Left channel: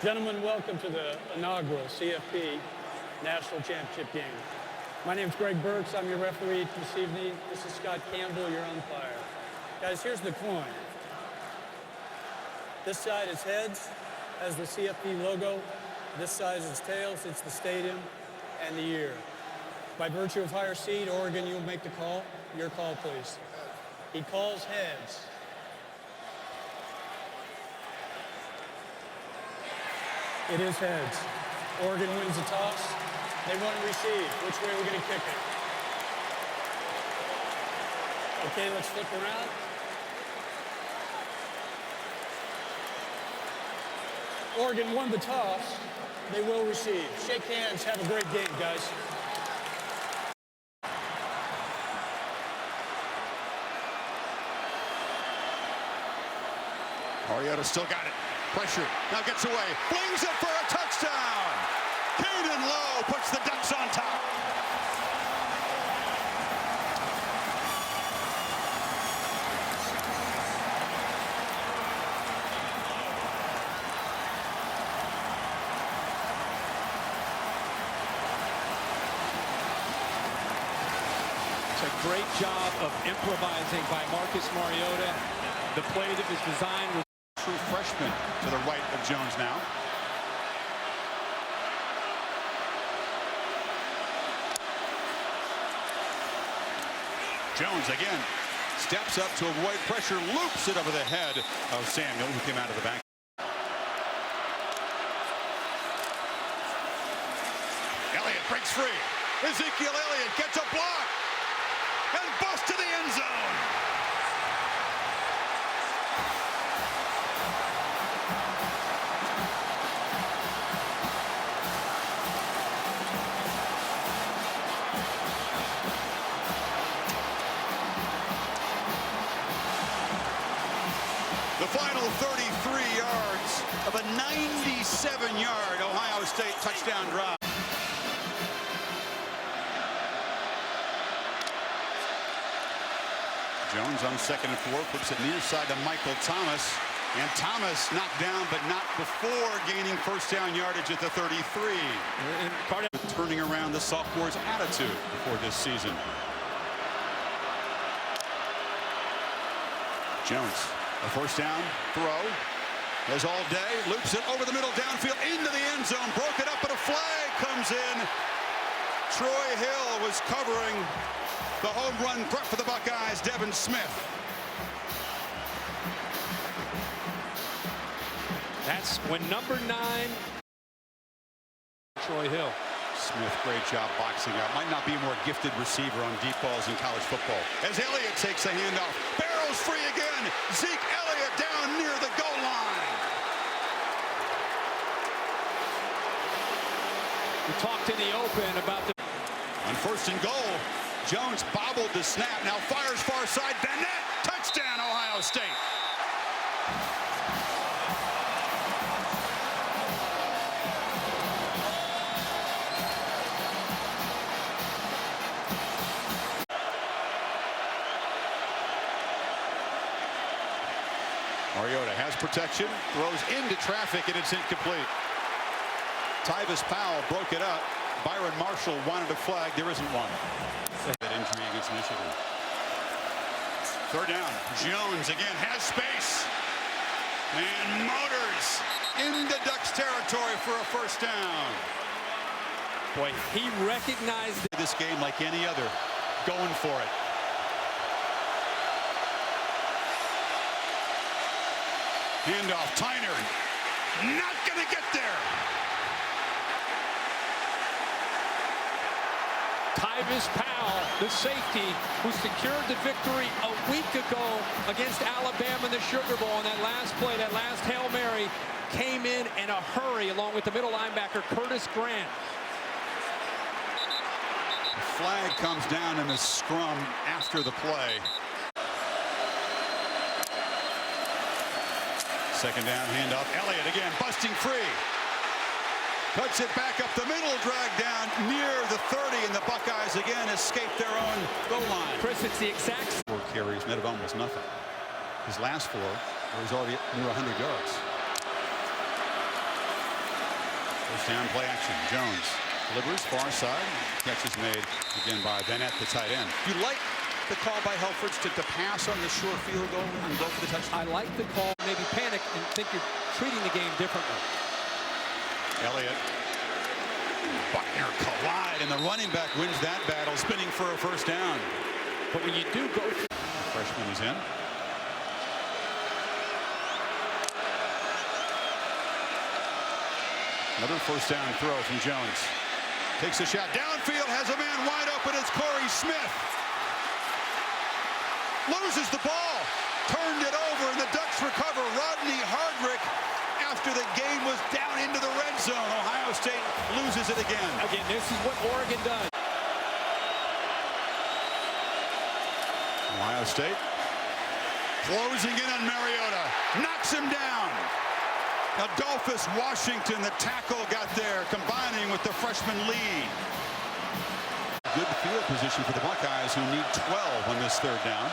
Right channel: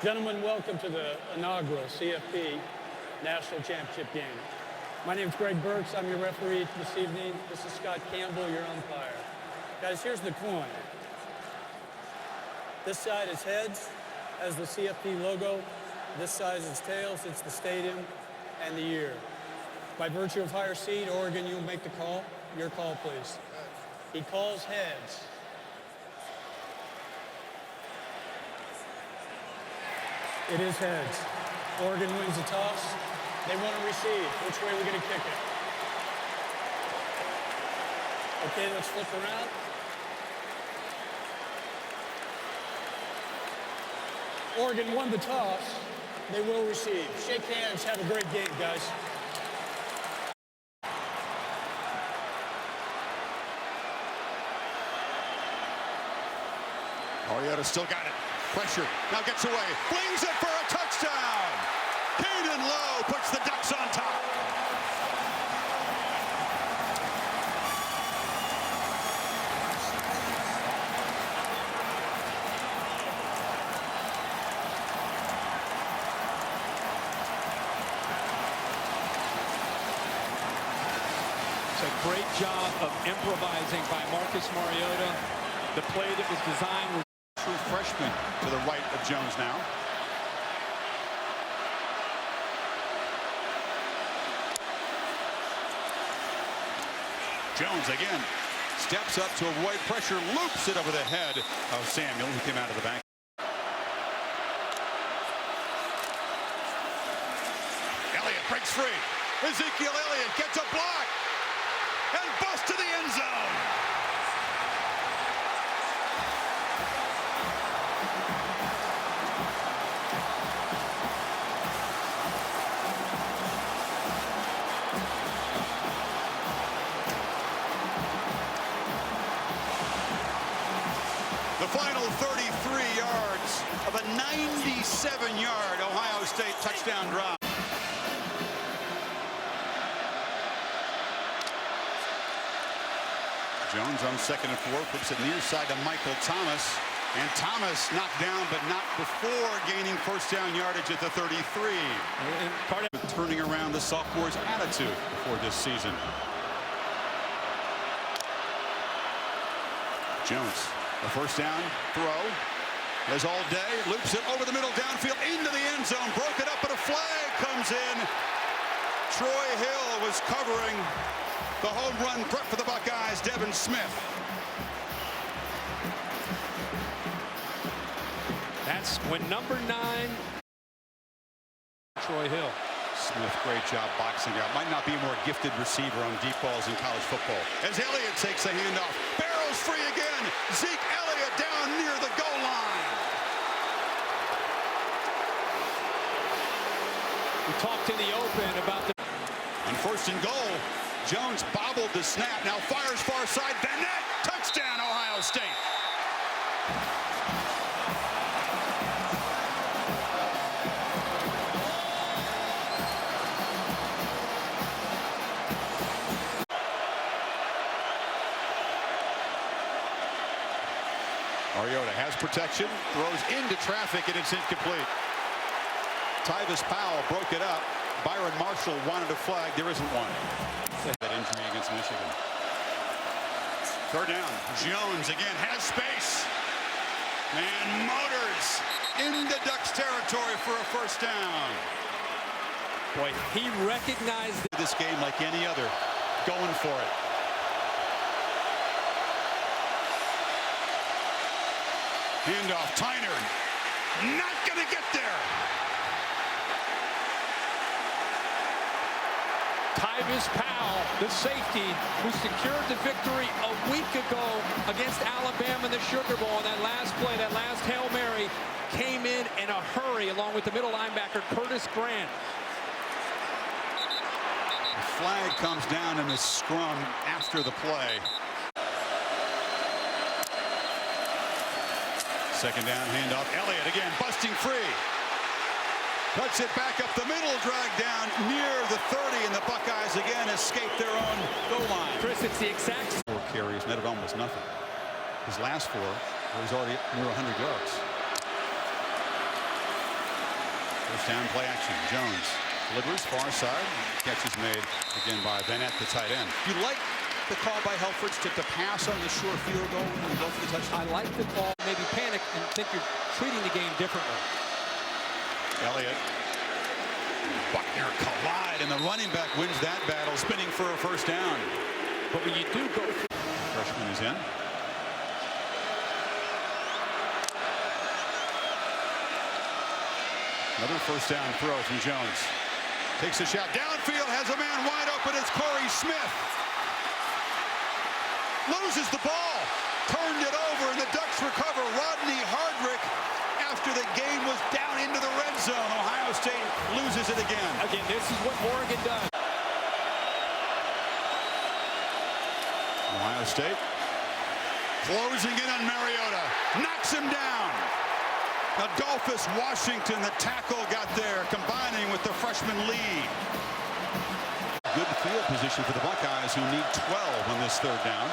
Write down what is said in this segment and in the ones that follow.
Gentlemen, welcome to the inaugural CFP National Championship game. My name is Greg Burks. I'm your referee this evening. This is Scott Campbell, your umpire. Guys, here's the coin. This side is heads, has the CFP logo. This side is tails, it's the stadium and the year. By virtue of higher seed, Oregon, you'll make the call. Your call, please. He calls heads. It is heads. Oregon wins the toss. They want to receive. Which way are we going to kick it? Okay, let's flip around. Oregon won the toss. They will receive. Shake hands. Have a great game, guys. Mariota still got it. Pressure. Now gets away. Flings it for a touchdown. Lowe puts the Ducks on top. It's a great job of improvising by Marcus Mariota. The play that was designed was true freshman to the right of Jones now. Jones again steps up to avoid pressure, loops it over the head of Samuel, who came out of the back. Elliott breaks free. Ezekiel Elliott gets a block and busts to the end zone. The final 33 yards of a 97-yard Ohio State touchdown drive. Jones on 2nd and 4, flips it near side to Michael Thomas. And Thomas knocked down, but not before gaining first down yardage at the 33. And turning around the sophomore's attitude before this season. Jones. A first down throw, as all day, loops it over the middle downfield into the end zone, broke it up, but a flag comes in. Troy Hill was covering the home run threat for the Buckeyes, Devin Smith. That's when number 9, Troy Hill. Smith, great job boxing out. Might not be a more gifted receiver on deep balls in college football. As Elliott takes the handoff, barrels free again. Zeke Elliott down near the goal line. We talked in the open about the... On 1st and goal, Jones bobbled the snap. Now fires far side. Vannett, touchdown, Ohio State. Mariota has protection, throws into traffic, and it's incomplete. Tyvis Powell broke it up. Byron Marshall wanted a flag. There isn't one. That injury against Michigan. 3rd down. Jones again has space. And motors into Ducks territory for a first down. Boy, he recognized this game like any other, going for it. Handoff, Tyner, not going to get there. Tyvis Powell, the safety, who secured the victory a week ago against Alabama in the Sugar Bowl on that last play, that last Hail Mary, came in a hurry along with the middle linebacker, Curtis Grant. The flag comes down in the scrum after the play. 2nd down, handoff. Elliott again, busting free. Cuts it back up the middle, dragged down near the 30, and the Buckeyes again escape their own goal line. Chris, it's the exact 4 carries, net of almost nothing. His last 4, where he's already near 100 yards. First down play action. Jones delivers far side. Catch is made again by Vannett, the tight end. You like the call by Helfrich to pass on the sure field goal and go for the touchdown? I like the call. Maybe panic and think you're treating the game differently. Elliott. Buckner collide, and the running back wins that battle, spinning for a first down. But when you do go for... The freshman is in. Another first down throw from Jones. Takes a shot downfield, has a man wide open. It's Corey Smith. Loses the ball. Turned it over, and the Ducks recover. Rodney Hardrick, after the game was down into the red zone. Ohio State loses it again. Again, this is what Oregon does. Ohio State closing in on Mariota. Knocks him down. Adolphus Washington, the tackle, got there, combining with the freshman Lee. Good field position for the Buckeyes, who need 12 on this third down.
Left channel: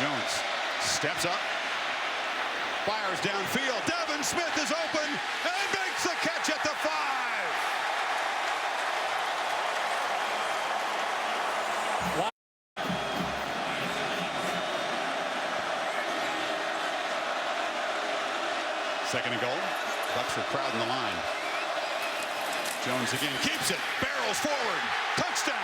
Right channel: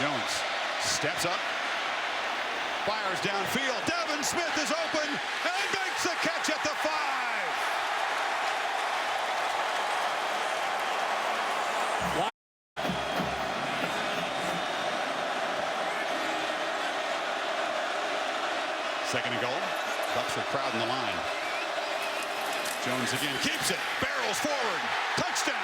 Jones steps up, fires downfield. Devin Smith is open and makes the catch at the 5. Second and goal. Ducks are crowding the line. Jones again keeps it. Barrels forward. Touchdown.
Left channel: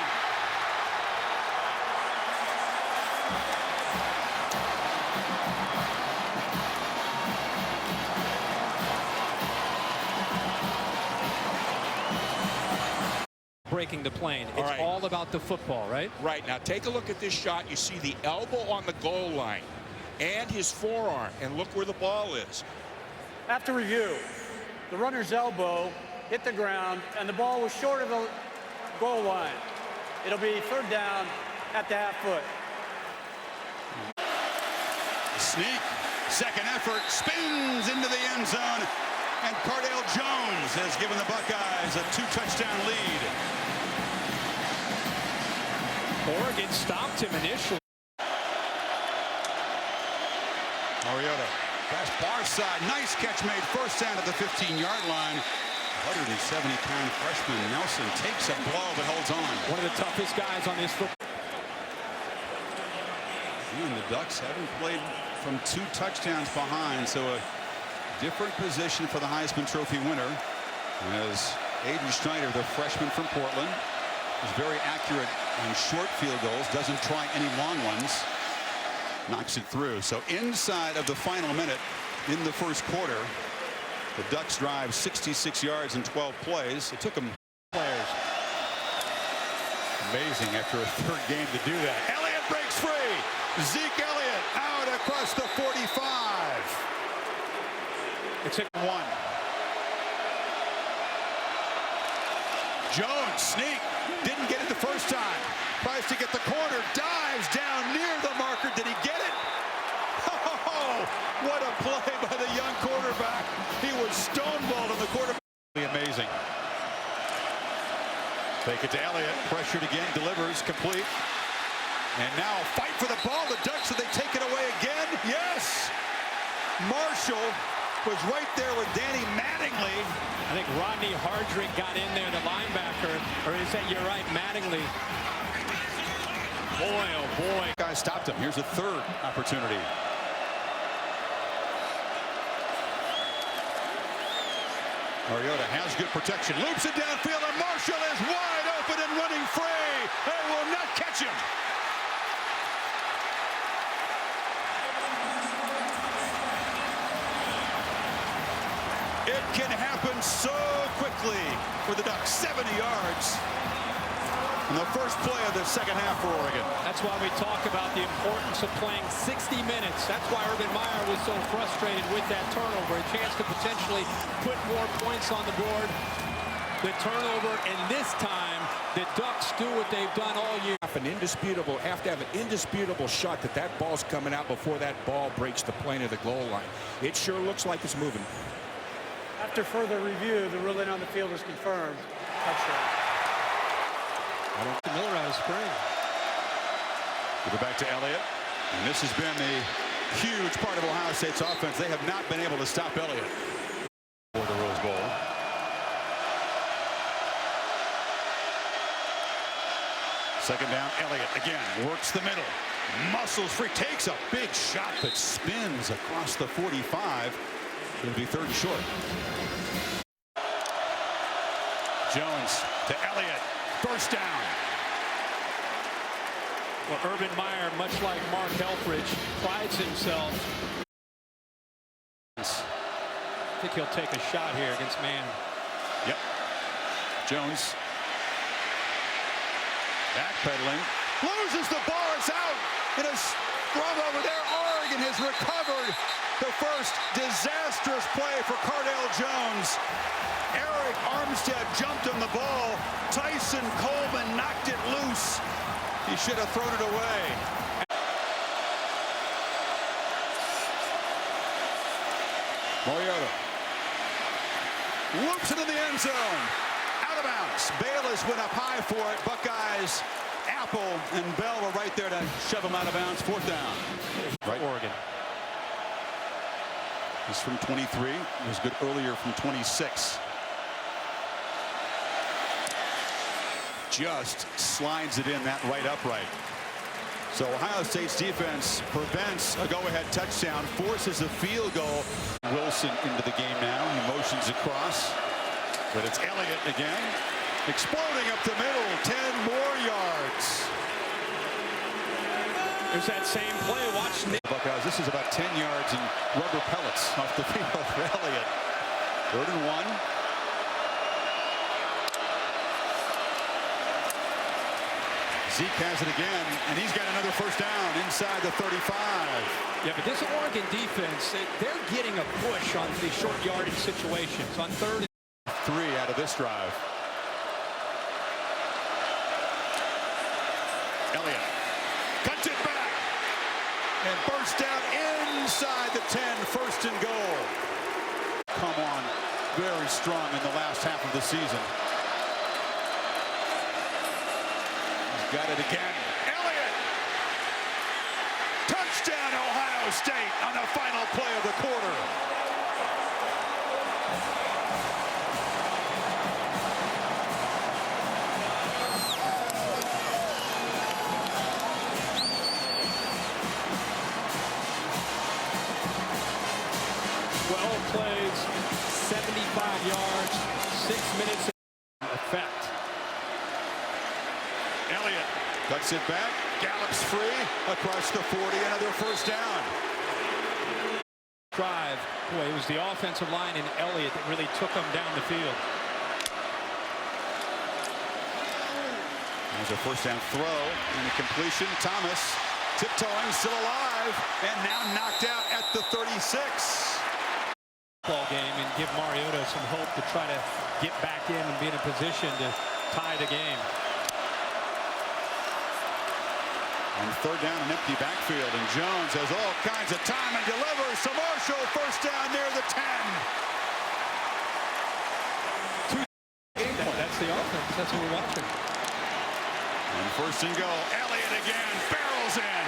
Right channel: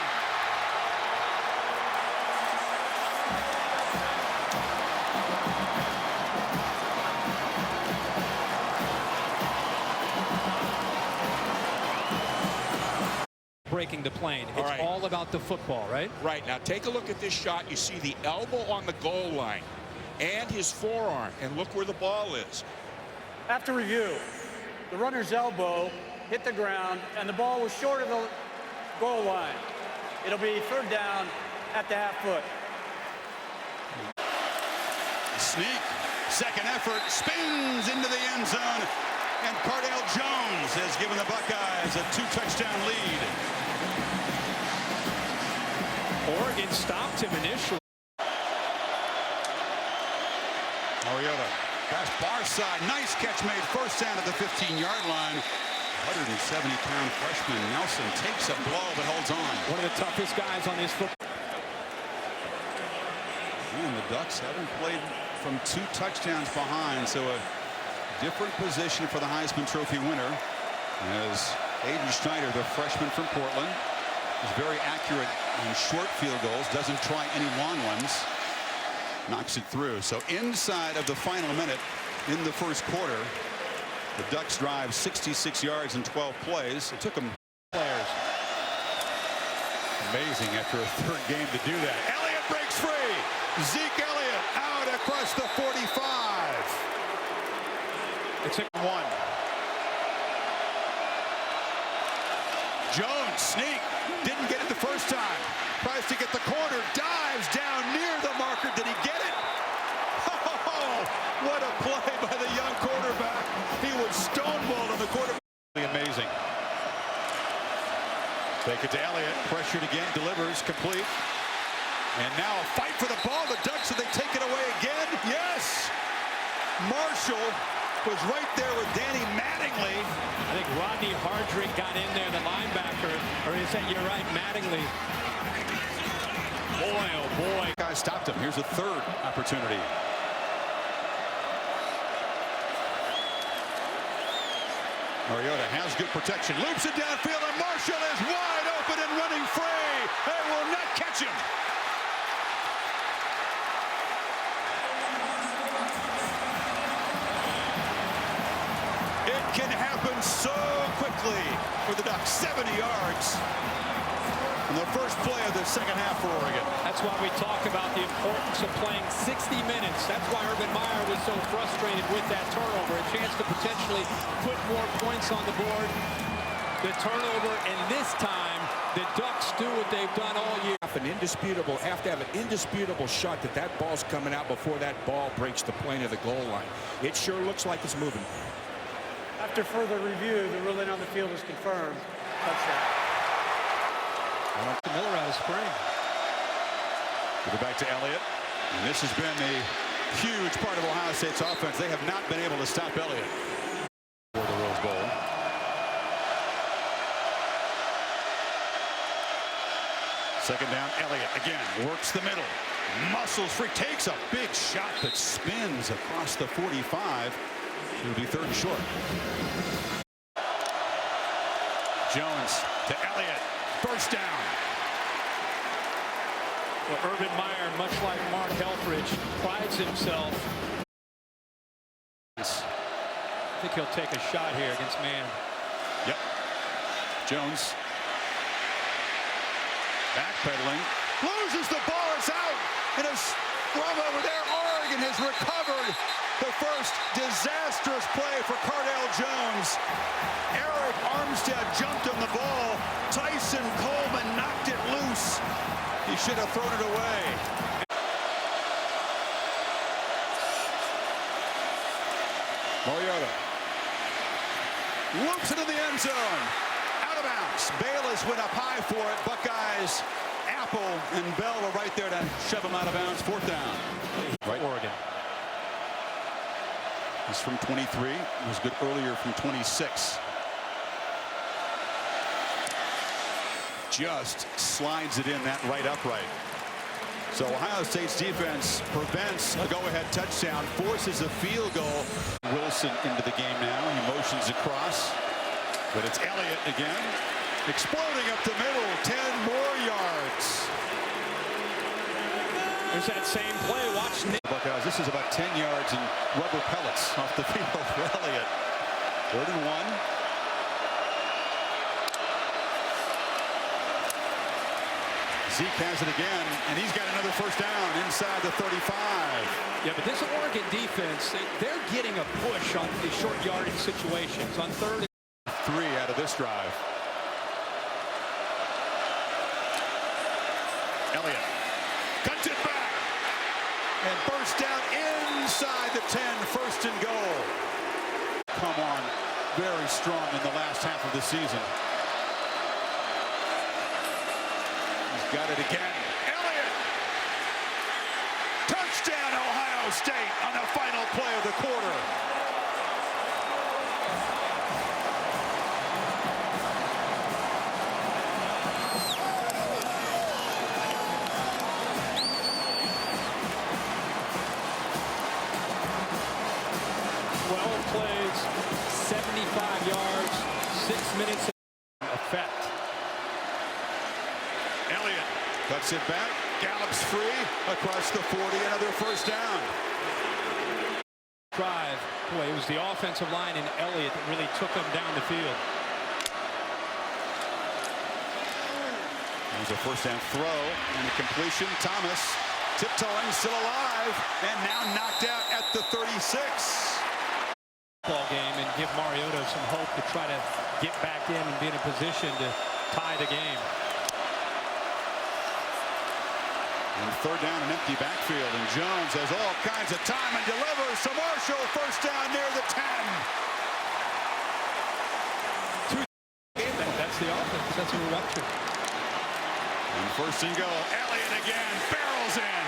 Breaking the plane. It's all about the football, right? Right. Now take a look at this shot. You see the elbow on the goal line and his forearm, and look where the ball is. After review, the runner's elbow hit the ground and the ball was short of the goal line. It'll be third down at the half foot. Sneak, second effort, spins into the end zone, and Cardale Jones has given the Buckeyes a 2-touchdown lead. Oregon stopped him initially. Mariota, pass far side, nice catch made first down at the 15-yard line. 170-pound freshman Nelson takes a blow but holds on. One of the toughest guys on this football. And the Ducks haven't played from 2 touchdowns behind, so a different position for the Heisman Trophy winner, as Aiden Schneider, the freshman from Portland, is very accurate in short field goals, doesn't try any long ones, knocks it through. So inside of the final minute in the first quarter, the Ducks drive 66 yards in 12 plays. It took them Players. amazing after a third game to do that. Elliott breaks free. Zeke Elliott out across the 45. It's a 1. Jones sneak, didn't get it the first time. Tries to get the corner, dives down near the marker. Did he get it? Oh, what a play by the young quarterback. He was stonewalled on the quarterback. Amazing. Fake it to Elliott, pressured again, delivers, complete. And now a fight for the ball. The Ducks, so they take it away again. Yes! Marshall was right there with Danny Mattingly. I think Rodney Hardrick got in there, the linebacker, or is that, you're right, Mattingly. Boy, oh boy. Guy stopped him. Here's a third opportunity. Mariota has good protection, loops it downfield, and Marshall is wide open and running free. They will not catch him. It can happen so quickly for the Ducks. 70 yards on the first play of the second half for Oregon. That's why we talk about the importance of playing 60 minutes. That's why Urban Meyer was so frustrated with that turnover. A chance to potentially put more points on the board. The turnover, and this time, the Ducks do what they've done all year. Have to have an indisputable shot that ball's coming out before that ball breaks the plane of the goal line. It sure looks like it's moving. After further review, the ruling on the field is confirmed. Touchdown. Miller out of spring. Give it back to Elliott. And this has been a huge part of Ohio State's offense. They have not been able to stop Elliott for the Rose Bowl. Second down, Elliott again works the middle, muscles free, takes a big shot that spins across the 45. So it'll be 3rd and short. Jones to Elliott, first down. Well, Urban Meyer, much like Mark Helfrich, prides himself. I think he'll take a shot here against man. Yep. Jones backpedaling, loses the ball. It's out in a scrum over there. Oregon has recovered the first disastrous play for Cardale Jones. Eric Armstead jumped on the ball. Tyson Coleman knocked it loose. He should have thrown it away. Mariota loops it in the end zone. Out of bounds. Bayless went up high for it. Buckeyes, Apple and Bell were right there to shove him out of bounds. 4th down. Right. Oregon. He's from 23. He was good earlier from 26. Just slides it in that right upright. So Ohio State's defense prevents a go-ahead touchdown, forces a field goal. Wilson into the game now. He motions across, but it's Elliott again, exploding up the middle, 10 more yards. There's that same play. Watch Nick. Buckeyes, this is about 10 yards and rubber pellets off the field for Elliott. 3rd and 1. Zeke has it again, and he's got another first down inside the 35. Yeah, but this Oregon defense, they're getting a push on the short yardage situations on 3rd and 3 out of this drive. Elliott cuts it back and bursts down inside the 10. 1st and goal. Come on, very strong in the last half of the season. He's got it again. Elliott! Touchdown, Ohio State on the final play of the quarter. plays, 75 yards, 6 minutes effect. Elliott cuts it back, gallops free across the 40, another first down. Drive. Boy, it was the offensive line and Elliott that really took them down the field. There's a first down throw and a completion. Thomas tiptoeing, still alive, and now knocked out at the 36. Ball game and give Mariota some hope to try to get back in and be in a position to tie the game. And third down, an empty backfield, and Jones has all kinds of time and delivers to Marshall. First down near the 10. That's the offense. That's what we're watching. And first and goal, Elliott again, barrels in.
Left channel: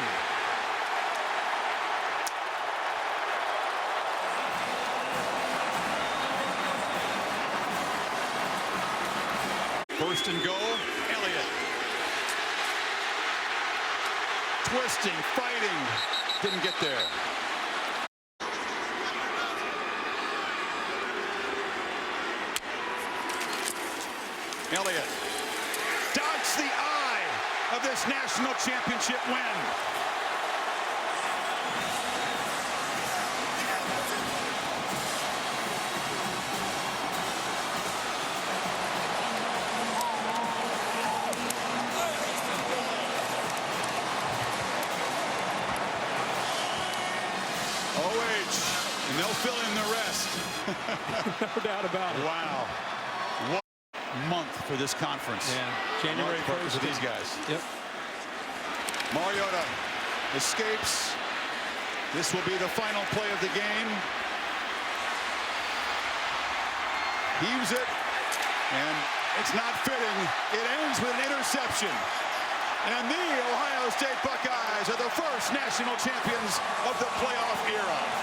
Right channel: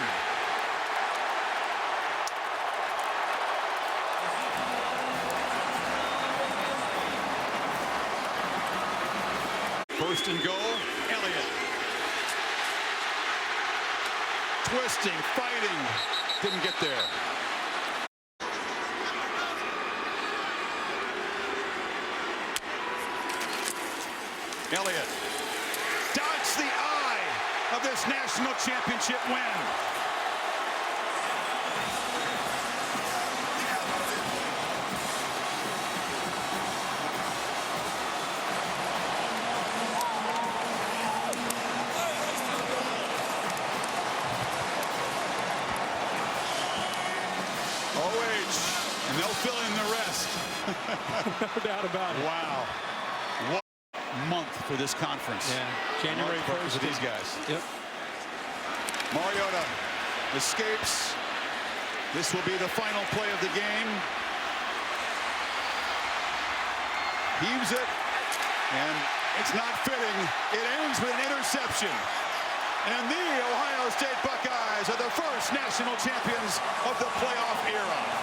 First and goal, Elliott. Twisting, fighting, didn't get there. Elliott dots the I of this national championship win. OH, and they'll fill in the rest. No doubt about it. Wow. What month for this conference. Yeah, January 1st for these guys. Yep. Mariota escapes. This will be the final play of the game. Heaves it, and it's not fitting. It ends with an interception. And the Ohio State Buckeyes are the first national champions of the playoff. here of.